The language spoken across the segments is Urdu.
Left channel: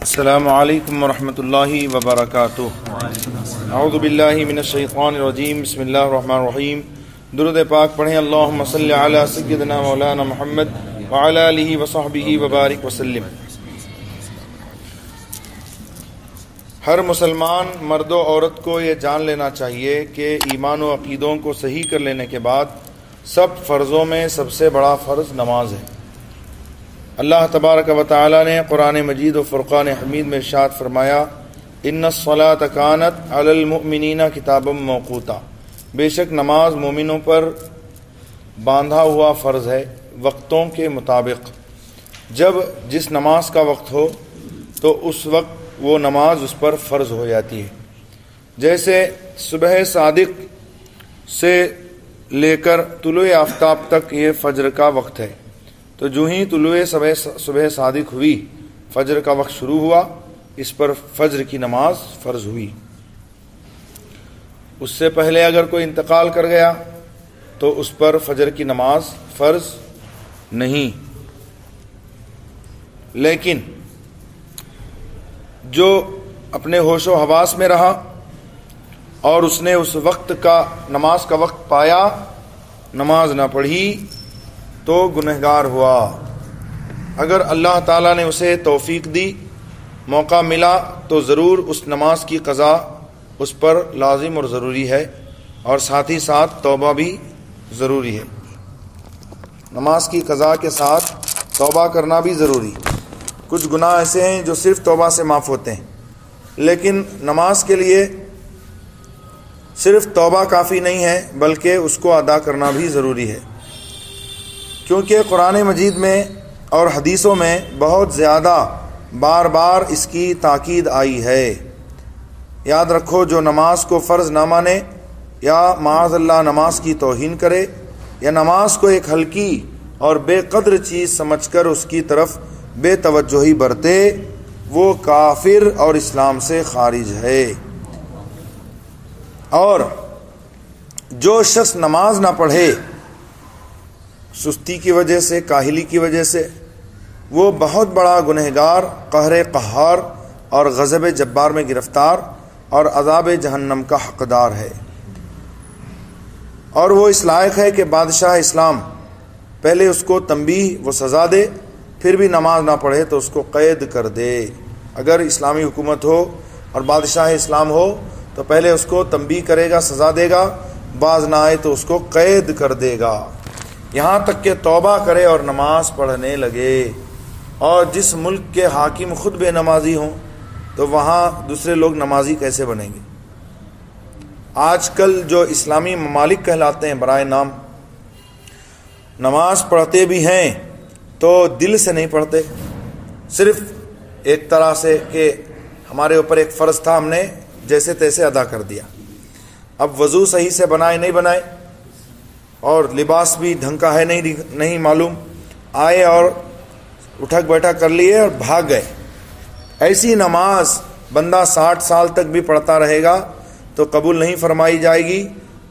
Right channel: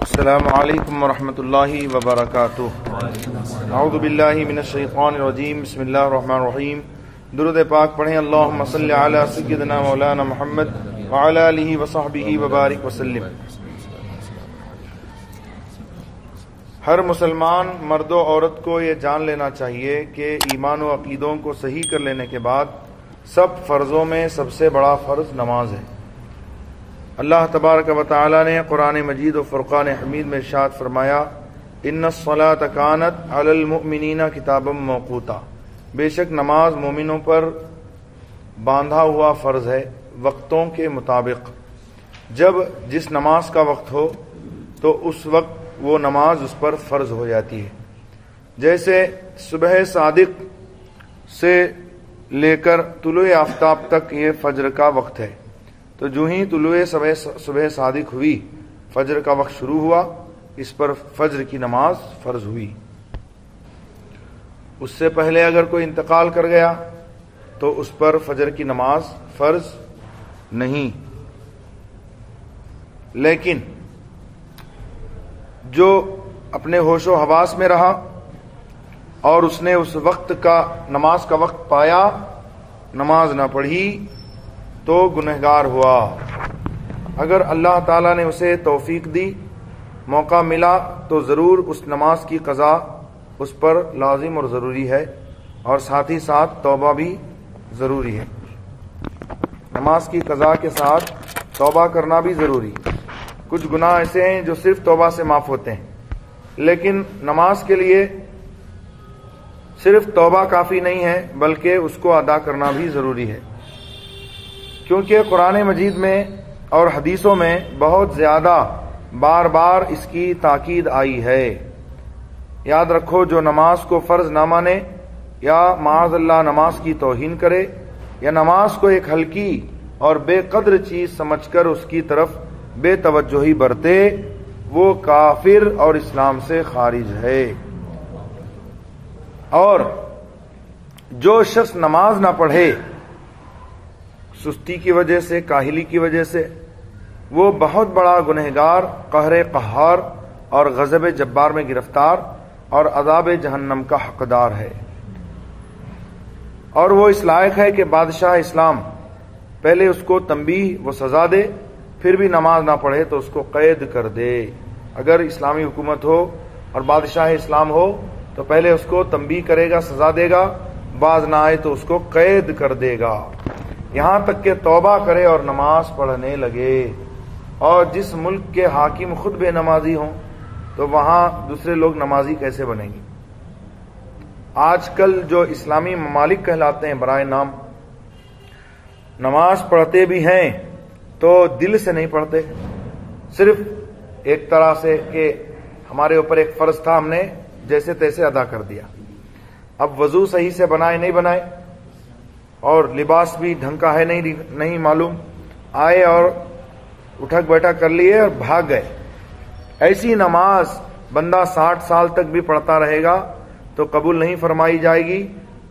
السلام علیکم ورحمۃ اللہ وبرکاتہ۔ اعوذ باللہ من الشیطان الرجیم، بسم اللہ الرحمن الرحیم۔ درود پاک پڑھیں۔ اللہم صلی علی سیدنا مولانا محمد وعلی آلہ وصحبہ وبارک وسلم۔ ہر مسلمان مرد و عورت کو یہ جان لینا چاہیے کہ ایمان و عقیدوں کو صحیح کر لینے کے بعد سب فرضوں میں سب سے بڑا فرض نماز ہے۔ اللہ تبارک و تعالی نے قرآن مجید و فرقان حمید میں ارشاد فرمایا، ان الصلاۃ کانت علی المؤمنین کتابا موقوتا، بے شک نماز مومنوں پر باندھا ہوا فرض ہے وقتوں کے مطابق۔ جب جس نماز کا وقت ہو تو اس وقت وہ نماز اس پر فرض ہو جاتی ہے۔ جیسے صبح صادق سے لے کر طلوع آفتاب تک یہ فجر کا وقت ہے، تو جو ہی طلوع صبح صادق ہوئی، فجر کا وقت شروع ہوا، اس پر فجر کی نماز فرض ہوئی۔ اس سے پہلے اگر کوئی انتقال کر گیا تو اس پر فجر کی نماز فرض نہیں۔ لیکن جو اپنے ہوش و حواس میں رہا اور اس نے اس وقت کا نماز کا وقت پایا، نماز نہ پڑھی تو گنہگار ہوا۔ اگر اللہ تعالیٰ نے اسے توفیق دی، موقع ملا، تو ضرور اس نماز کی قضا اس پر لازم اور ضروری ہے، اور ساتھ ہی ساتھ توبہ بھی ضروری ہے۔ نماز کی قضا کے ساتھ توبہ کرنا بھی ضروری۔ کچھ گناہ ایسے ہیں جو صرف توبہ سے معاف ہوتے ہیں، لیکن نماز کے لیے صرف توبہ کافی نہیں ہے، بلکہ اس کو ادا کرنا بھی ضروری ہے، کیونکہ قرآن مجید میں اور حدیثوں میں بہت زیادہ بار بار اس کی تاکید آئی ہے۔ یاد رکھو، جو نماز کو فرض نہ مانے یا معاذ اللہ نماز کی توہین کرے یا نماز کو ایک ہلکی اور بے قدر چیز سمجھ کر اس کی طرف بے توجہی برتے، وہ کافر اور اسلام سے خارج ہے۔ اور جو شخص نماز نہ پڑھے سستی کی وجہ سے، کاہلی کی وجہ سے، وہ بہت بڑا گنہگار، قہر قہار اور غضب جبار میں گرفتار اور عذاب جہنم کا حقدار ہے۔ اور وہ اس لائق ہے کہ بادشاہ اسلام پہلے اس کو تنبیہ و سزا دے، پھر بھی نماز نہ پڑھے تو اس کو قید کر دے۔ اگر اسلامی حکومت ہو اور بادشاہ اسلام ہو تو پہلے اس کو تنبیہ کرے گا، سزا دے گا، باز نہ آئے تو اس کو قید کر دے گا، یہاں تک کہ توبہ کرے اور نماز پڑھنے لگے۔ اور جس ملک کے حاکم خود بے نمازی ہوں تو وہاں دوسرے لوگ نمازی کیسے بنیں گے؟ آج کل جو اسلامی ممالک کہلاتے ہیں برائے نام، نماز پڑھتے بھی ہیں تو دل سے نہیں پڑھتے، صرف ایک طرح سے کہ ہمارے اوپر ایک فرض تھا، ہم نے جیسے تیسے ادا کر دیا۔ اب وضو صحیح سے بنائے نہیں بنائے، اور لباس بھی ڈھنگ کا ہے نہیں معلوم، آئے اور اٹھک بیٹھک کر لیے اور بھاگ گئے۔ ایسی نماز بندہ 60 سال تک بھی پڑھتا رہے گا تو قبول نہیں فرمائی جائے گی،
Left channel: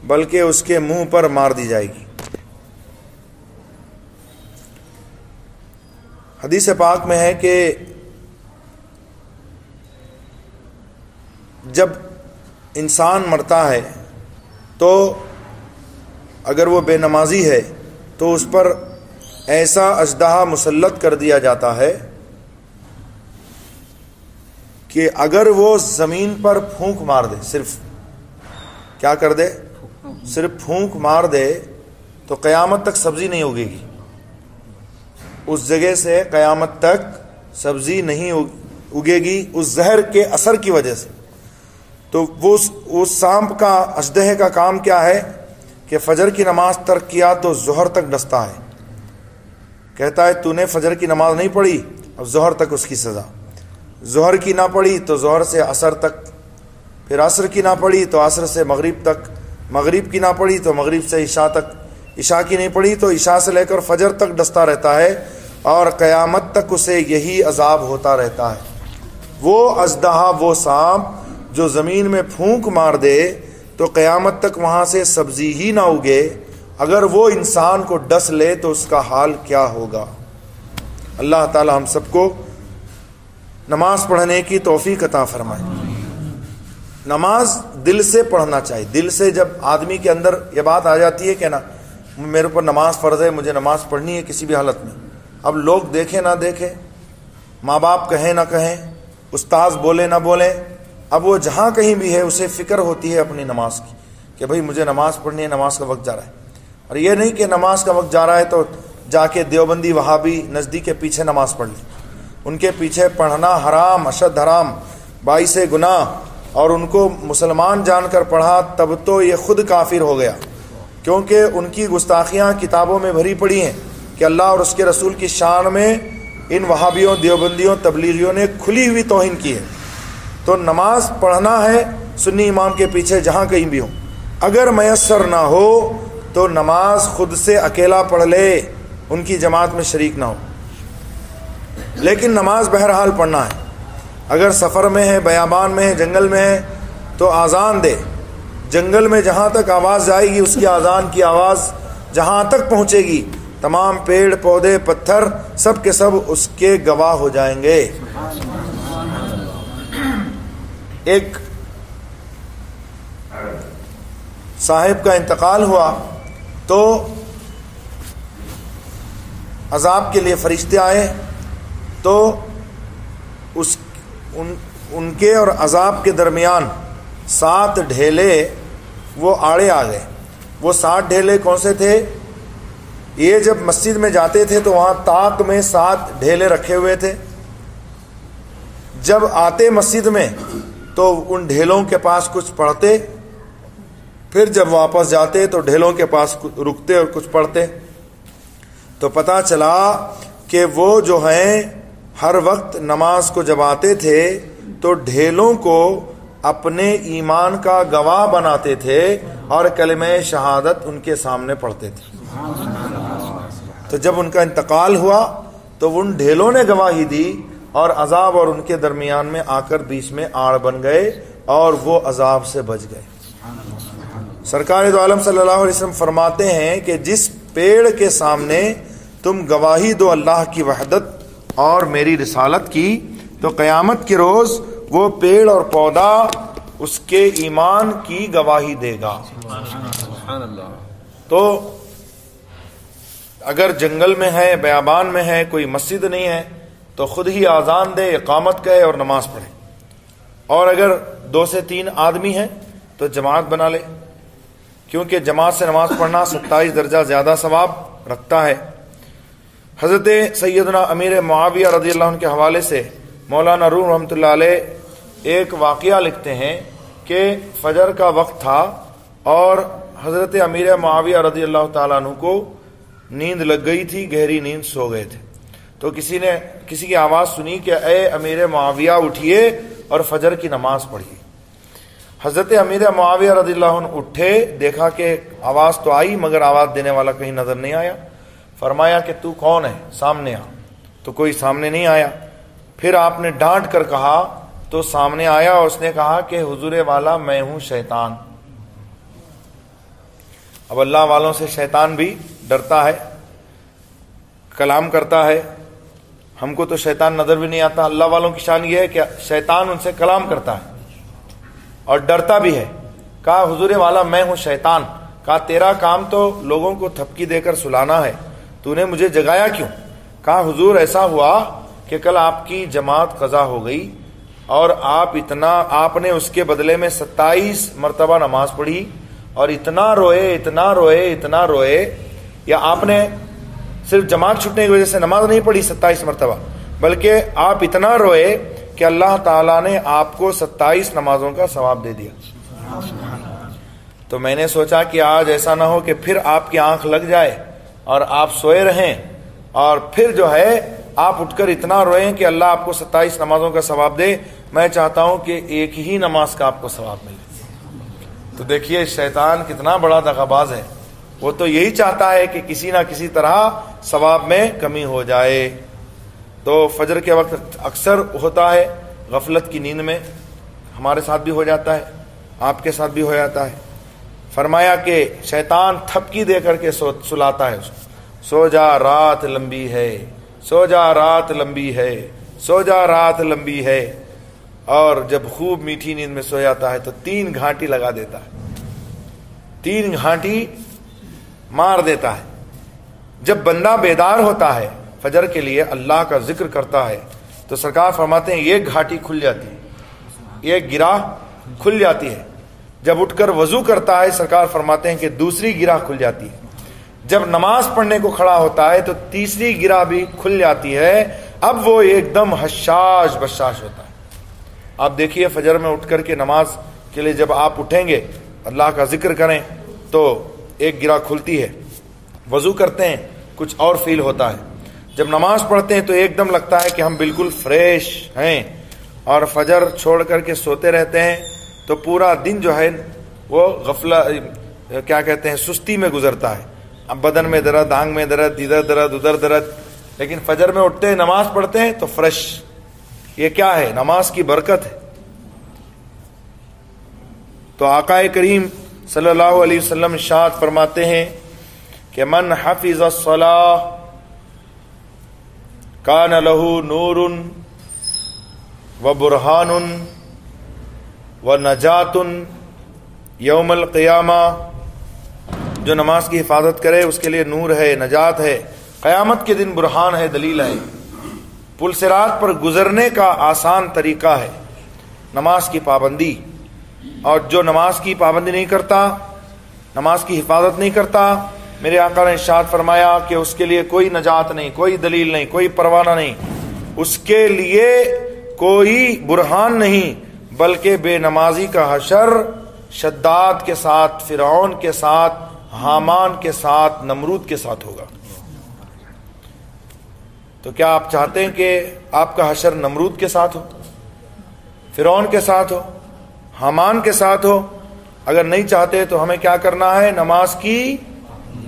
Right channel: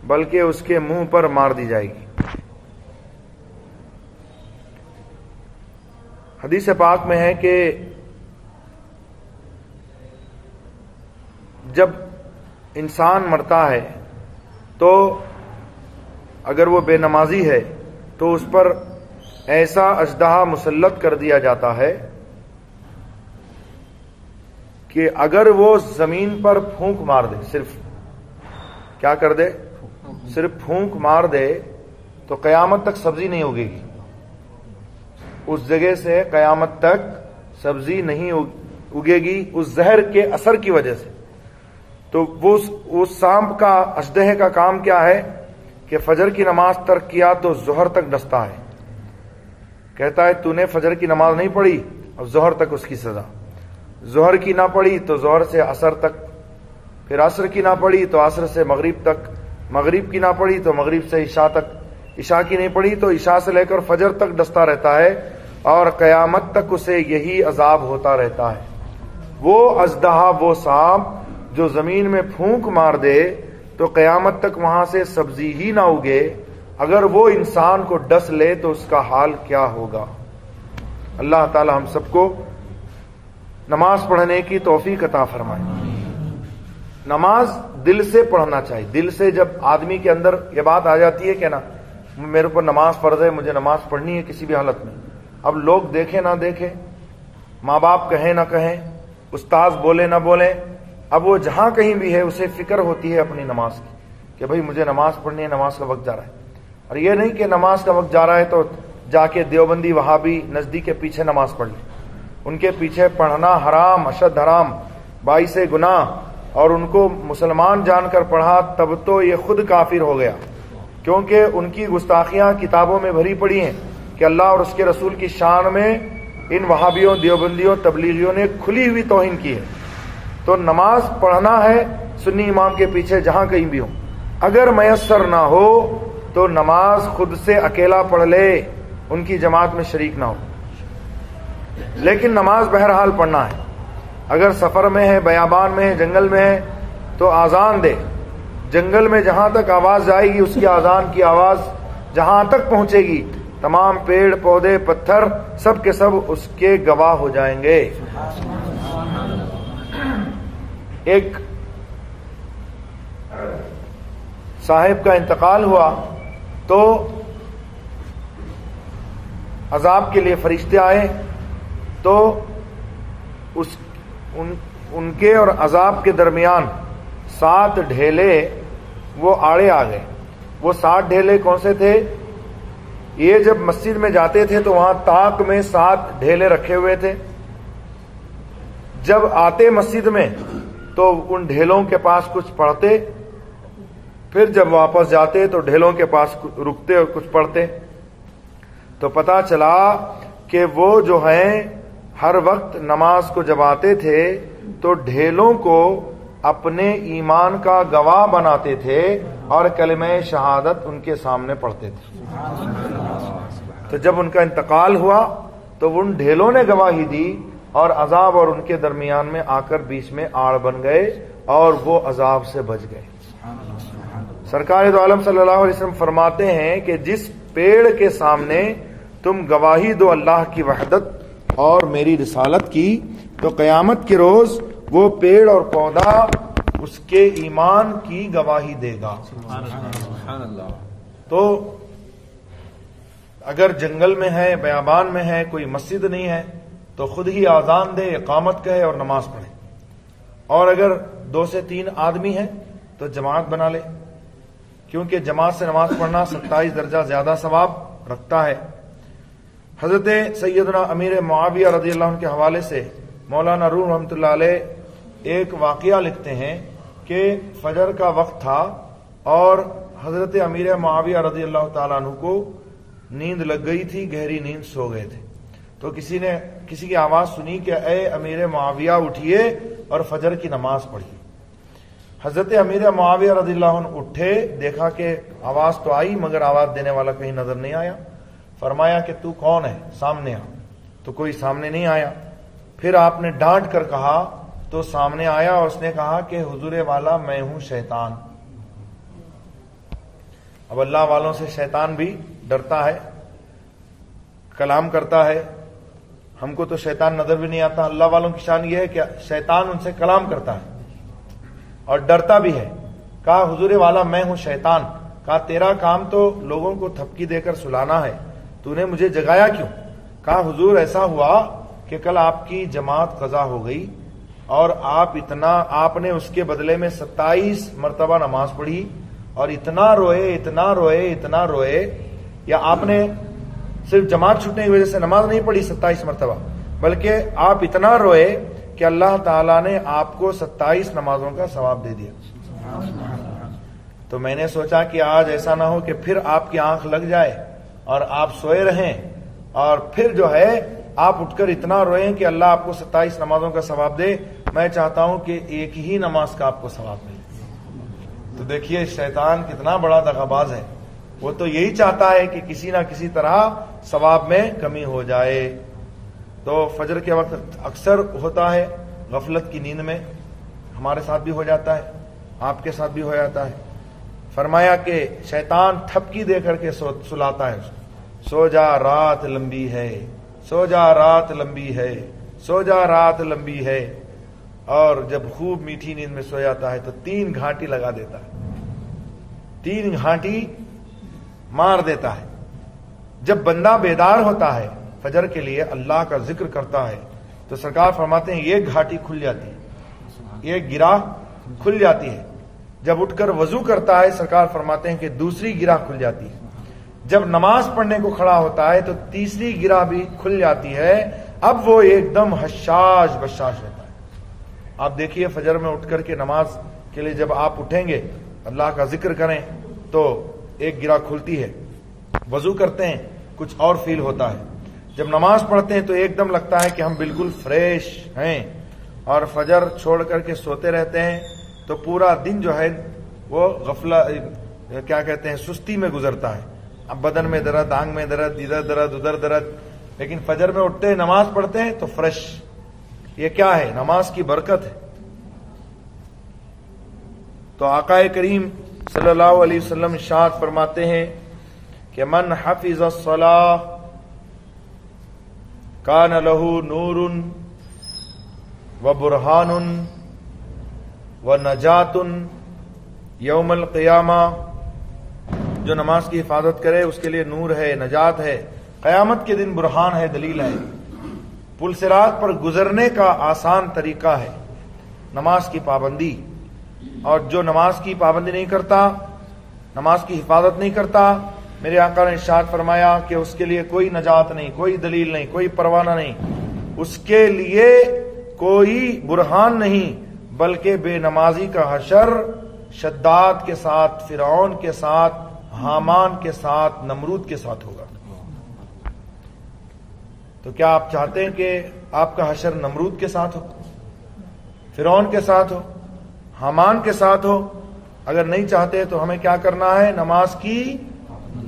بلکہ اس کے منہ پر مار دی جائے گی۔ حدیث پاک میں ہے کہ جب انسان مرتا ہے تو اگر وہ بے نمازی ہے تو اس پر ایسا اژدہا مسلط کر دیا جاتا ہے کہ اگر وہ زمین پر پھونک مار دے، صرف کیا کر دے، صرف پھونک مار دے، تو قیامت تک سبزی نہیں اگے گی، اس جگہ سے قیامت تک سبزی نہیں اگے گی، اس زہر کے اثر کی وجہ سے۔ تو وہ سانپ کا، اژدہے کا کام کیا ہے کہ فجر کی نماز ترک کیا تو ظہر تک ڈستا ہے، کہتا ہے تو نے فجر کی نماز نہیں پڑھی، اب ظہر تک اس کی سزا، ظہر کی نہ پڑھی تو ظہر سے عصر تک، پھر عصر کی نہ پڑھی تو عصر سے مغرب تک، مغرب کی نہ پڑھی تو مغرب سے عشاء تک، عشاء کی نہیں پڑھی تو عشاء سے لے کر فجر تک ڈستا رہتا ہے، اور قیامت تک اسے یہی عذاب ہوتا رہتا ہے۔ وہ اژدہا، وہ سانپ جو زمین میں پھونک مار دے تو قیامت تک وہاں سے سبزی ہی نہ اگے، اگر وہ انسان کو ڈس لے تو اس کا حال کیا ہوگا۔ اللہ تعالی ہم سب کو نماز پڑھنے کی توفیق عطا فرمائے۔ نماز دل سے پڑھنا چاہیے، دل سے جب آدمی کے اندر یہ بات آ جاتی ہے کہ نا میرے اوپر نماز فرض ہے، مجھے نماز پڑھنی ہے کسی بھی حالت میں، اب لوگ دیکھیں نہ دیکھیں، ماں باپ کہیں نہ کہیں، استاذ بولے نہ بولیں، اب وہ جہاں کہیں بھی ہے اسے فکر ہوتی ہے اپنی نماز کی کہ بھئی مجھے نماز پڑھنی ہے، نماز کا وقت جا رہا ہے۔ اور یہ نہیں کہ نماز کا وقت جا رہا ہے تو جا کے دیوبندی وہابی نزدیک کے پیچھے نماز پڑھ لی، ان کے پیچھے پڑھنا حرام، اشد حرام، باعث گناہ، اور ان کو مسلمان جان کر پڑھا تب تو یہ خود کافر ہو گیا، کیونکہ ان کی گستاخیاں کتابوں میں بھری پڑی ہیں کہ اللہ اور اس کے رسول کی شان میں ان وہابیوں، دیوبندیوں، تبلیغیوں نے کھلی ہوئی توہین کی ہے۔ تو نماز پڑھنا ہے سنی امام کے پیچھے جہاں کہیں بھی ہو، اگر میسر نہ ہو تو نماز خود سے اکیلا پڑھ لے، ان کی جماعت میں شریک نہ ہو، لیکن نماز بہرحال پڑھنا ہے۔ اگر سفر میں ہے، بیابان میں ہے، جنگل میں ہے تو آذان دے، جنگل میں جہاں تک آواز جائے گی اس کی آذان کی آواز جہاں تک پہنچے گی تمام پیڑ پودے پتھر سب کے سب اس کے گواہ ہو جائیں گے۔ ایک صاحب کا انتقال ہوا تو عذاب کے لیے فرشتے آئے تو ان کے اور عذاب کے درمیان 7 ڈھیلے وہ آڑے آ گئے۔ وہ 7 ڈھیلے کون سے تھے؟ یہ جب مسجد میں جاتے تھے تو وہاں طاق میں 7 ڈھیلے رکھے ہوئے تھے، جب آتے مسجد میں تو ان ڈھیلوں کے پاس کچھ پڑھتے، پھر جب واپس جاتے تو ڈھیلوں کے پاس رکتے اور کچھ پڑھتے، تو پتہ چلا کہ وہ جو ہیں ہر وقت نماز کو جب آتے تھے تو ڈھیلوں کو اپنے ایمان کا گواہ بناتے تھے اور کلمہ شہادت ان کے سامنے پڑھتے تھے۔ تو جب ان کا انتقال ہوا تو ان ڈھیلوں نے گواہی دی اور عذاب اور ان کے درمیان میں آ کر بیچ میں آڑ بن گئے اور وہ عذاب سے بچ گئے۔ سرکار دو عالم صلی اللہ علیہ وسلم فرماتے ہیں کہ جس پیڑ کے سامنے تم گواہی دو اللہ کی وحدت اور میری رسالت کی تو قیامت کے روز وہ پیڑ اور پودا اس کے ایمان کی گواہی دے گا۔ تو اگر جنگل میں ہے، بیابان میں ہے، کوئی مسجد نہیں ہے تو خود ہی آذان دے، اقامت کہے اور نماز پڑھے، اور اگر 2 سے 3 آدمی ہیں تو جماعت بنا لے، کیونکہ جماعت سے نماز پڑھنا 27 درجہ زیادہ ثواب رکھتا ہے۔ حضرت سیدنا امیر معاویہ رضی اللہ عنہ کے حوالے سے مولانا روم رحمۃ اللہ علیہ ایک واقعہ لکھتے ہیں کہ فجر کا وقت تھا اور حضرت امیر معاویہ رضی اللہ تعالیٰ عنہ کو نیند لگ گئی تھی، گہری نیند، سو گئے تھے، تو کسی کی آواز سنی کہ اے امیر معاویہ اٹھیے اور فجر کی نماز پڑھیے۔ حضرت امیر معاویہ رضی اللہ عنہ اٹھے، دیکھا کہ آواز تو آئی مگر آواز دینے والا کہیں نظر نہیں آیا، فرمایا کہ تو کون ہے، سامنے آ، تو کوئی سامنے نہیں آیا۔ پھر آپ نے ڈانٹ کر کہا تو سامنے آیا اور اس نے کہا کہ حضور والا میں ہوں شیطان۔ اب اللہ والوں سے شیطان بھی ڈرتا ہے، کلام کرتا ہے، ہم کو تو شیطان نظر بھی نہیں آتا، اللہ والوں کی شان یہ ہے کہ شیطان ان سے کلام کرتا ہے اور ڈرتا بھی ہے۔ کہا حضور والا میں ہوں شیطان، کہا تیرا کام تو لوگوں کو تھپکی دے کر سلانا ہے، تو نے مجھے جگایا کیوں؟ کہا حضور ایسا ہوا کہ کل آپ کی جماعت قضا ہو گئی اور آپ نے اس کے بدلے میں 27 مرتبہ نماز پڑھی اور اتنا روئے، یا آپ نے صرف جماعت چھوٹنے کی وجہ سے نماز نہیں پڑھی 27 مرتبہ، بلکہ آپ اتنا روئے کہ اللہ تعالیٰ نے آپ کو 27 نمازوں کا ثواب دے دیا۔ تو میں نے سوچا کہ آج ایسا نہ ہو کہ پھر آپ کی آنکھ لگ جائے اور آپ سوئے رہیں اور پھر جو ہے آپ اٹھ کر اتنا روئیں کہ اللہ آپ کو 27 نمازوں کا ثواب دے۔ میں چاہتا ہوں کہ ایک ہی نماز کا آپ کو ثواب ملے۔ تو دیکھیے شیطان کتنا بڑا دغاباز ہے، وہ تو یہی چاہتا ہے کہ کسی نہ کسی طرح ثواب میں کمی ہو جائے۔ تو فجر کے وقت اکثر ہوتا ہے غفلت کی نیند میں، ہمارے ساتھ بھی ہو جاتا ہے، آپ کے ساتھ بھی ہو جاتا ہے۔ فرمایا کہ شیطان تھپکی دے کر کے سلاتا ہے اس کو، سو جا رات لمبی ہے، سو جا رات لمبی ہے، سو جا رات لمبی ہے، اور جب خوب میٹھی نیند میں سو جاتا ہے تو 3 گھانٹی لگا دیتا ہے، 3 گھانٹی مار دیتا ہے۔ جب بندہ بیدار ہوتا ہے فجر کے لیے اللہ کا ذکر کرتا ہے تو سرکار فرماتے ہیں ایک گھاٹی کھل جاتی ہے، ایک گرہ کھل جاتی ہے۔ جب اٹھ کر وضو کرتا ہے سرکار فرماتے ہیں کہ دوسری گرہ کھل جاتی ہے۔ جب نماز پڑھنے کو کھڑا ہوتا ہے تو تیسری گرہ بھی کھل جاتی ہے۔ اب وہ ایک دم حشاش بشاش ہوتا ہے۔ آپ دیکھیے فجر میں اٹھ کر کے نماز کے لیے جب آپ اٹھیں گے اللہ کا ذکر کریں تو ایک گرہ کھلتی ہے، وضو کرتے ہیں کچھ اور فیل ہوتا ہے، جب نماز پڑھتے ہیں تو ایک دم لگتا ہے کہ ہم بالکل فریش ہیں، اور فجر چھوڑ کر کے سوتے رہتے ہیں تو پورا دن جو ہے وہ کیا کہتے ہیں سستی میں گزرتا ہے، اب بدن میں درد، آنگ میں درد، ادھر درد ادھر درد۔ لیکن فجر میں اٹھتے ہیں نماز پڑھتے ہیں تو فریش۔ یہ کیا ہے؟ نماز کی برکت ہے۔ تو آقا کریم صلی اللہ علیہ وسلم ارشاد فرماتے ہیں کہ من حفظ الصلاۃ کان لہ نور و برہان و نجات یوم القیامہ، جو نماز کی حفاظت کرے اس کے لیے نور ہے، نجات ہے، قیامت کے دن برہان ہے، دلیل ہے، پل صراط پر گزرنے کا آسان طریقہ ہے نماز کی پابندی۔ اور جو نماز کی پابندی نہیں کرتا، نماز کی حفاظت نہیں کرتا، میرے آقا نے ارشاد فرمایا کہ اس کے لیے کوئی نجات نہیں، کوئی دلیل نہیں، کوئی پروانہ نہیں، اس کے لیے کوئی برہان نہیں، بلکہ بے نمازی کا حشر شداد کے ساتھ، فرعون کے ساتھ، حامان کے ساتھ، نمرود کے ساتھ ہوگا۔ تو کیا آپ چاہتے ہیں کہ آپ کا حشر نمرود کے ساتھ ہو، فرعون کے ساتھ ہو، حامان کے ساتھ ہو؟ اگر نہیں چاہتے تو ہمیں کیا کرنا ہے؟ نماز کی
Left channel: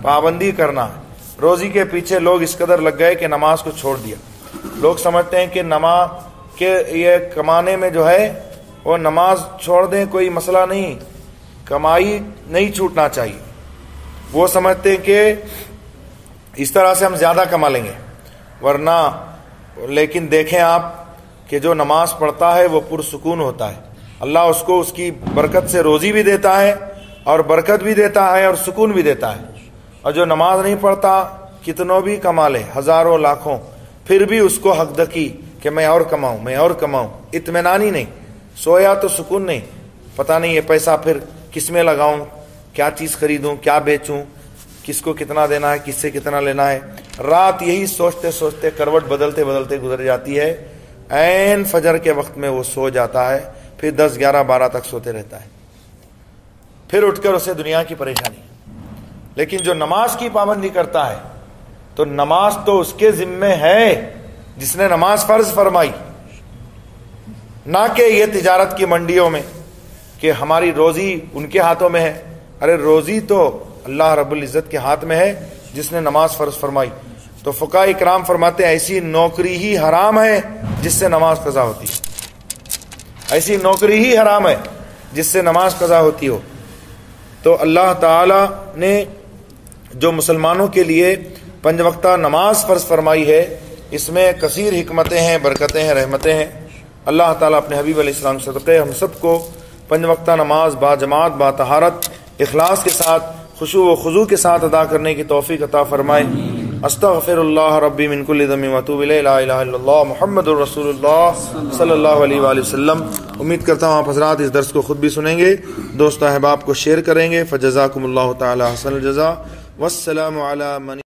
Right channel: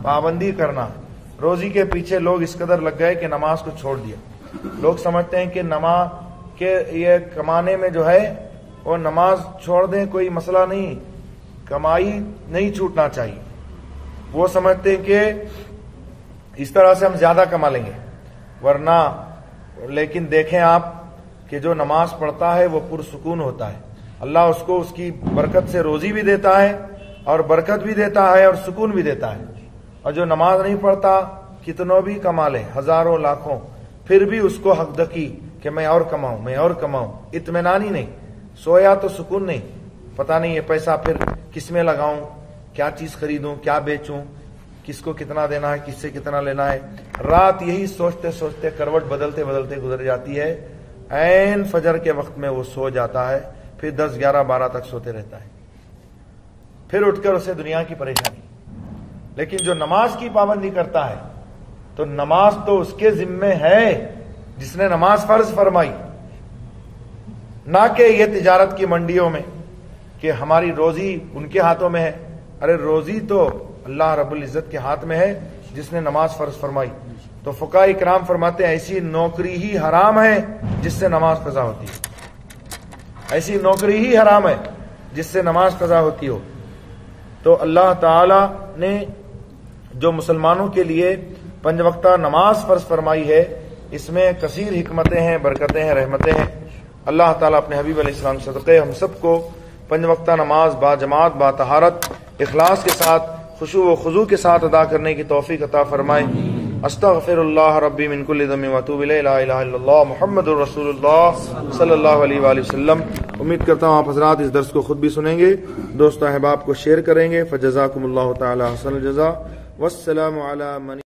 پابندی کرنا ہے۔ روزی کے پیچھے لوگ اس قدر لگ گئے کہ نماز کو چھوڑ دیا۔ لوگ سمجھتے ہیں کہ نماز کے یہ کمانے میں جو ہے وہ نماز چھوڑ دیں کوئی مسئلہ نہیں، کمائی نہیں چھوٹنا چاہیے۔ وہ سمجھتے ہیں کہ اس طرح سے ہم زیادہ کما لیں گے، ورنہ لیکن دیکھیں آپ کہ جو نماز پڑھتا ہے وہ پرسکون ہوتا ہے، اللہ اس کو اس کی برکت سے روزی بھی دیتا ہے اور برکت بھی دیتا ہے اور سکون بھی دیتا ہے۔ اور جو نماز نہیں پڑھتا کتنوں بھی کما لے، ہزاروں لاکھوں، پھر بھی اس کو حق دکی کہ میں اور کماؤں، میں اور کماؤں، اطمینان ہی نہیں، سویا تو سکون نہیں، پتہ نہیں یہ پیسہ پھر کس میں لگاؤں، کیا چیز خریدوں، کیا بیچوں، کس کو کتنا دینا ہے، کس سے کتنا لینا ہے۔ رات یہی سوچتے سوچتے کروٹ بدلتے بدلتے گزر جاتی ہے، عین فجر کے وقت میں وہ سو جاتا ہے، پھر 10 11 12 تک سوتے رہتا ہے، پھر اٹھ کر اسے دنیا کی پریشانی۔ لیکن جو نماز کی پابندی کرتا ہے تو نماز تو اس کے ذمے ہے جس نے نماز فرض فرمائی، نہ کہ یہ تجارت کی منڈیوں میں کہ ہماری روزی ان کے ہاتھوں میں ہے۔ ارے روزی تو اللہ رب العزت کے ہاتھ میں ہے جس نے نماز فرض فرمائی۔ تو فقہاء کرام فرماتے ہیں ایسی نوکری ہی حرام ہے جس سے نماز قضا ہوتی ہے، ایسی نوکری ہی حرام ہے جس سے نماز قضا ہوتی ہو۔ تو اللہ تعالی نے جو مسلمانوں کے لیے 5 وقتہ نماز فرض فرمائی ہے، اس میں کثیر حکمتیں ہیں، برکتیں ہیں، رحمتیں ہیں۔ اللہ تعالیٰ اپنے حبیب علیہ السلام صدقے ہم سب کو 5 وقتہ نماز با جماعت، با طہارت، اخلاص کے ساتھ، خشوع و خضوع کے ساتھ ادا کرنے کی توفیق عطا فرمائے۔ استغفر اللہ ربی من کل ذنب واتوب الیہ، لا الہ الا اللہ محمد الرسول اللہ صلی اللہ علیہ وآلہ وسلم۔ امید کرتا ہوں آپ حضرات اس درس کو خود بھی سنیں گے، دوست احباب کو شیئر کریں گے۔ فجزاکم اللہ تعالی حسن الجزا، والسلام علی من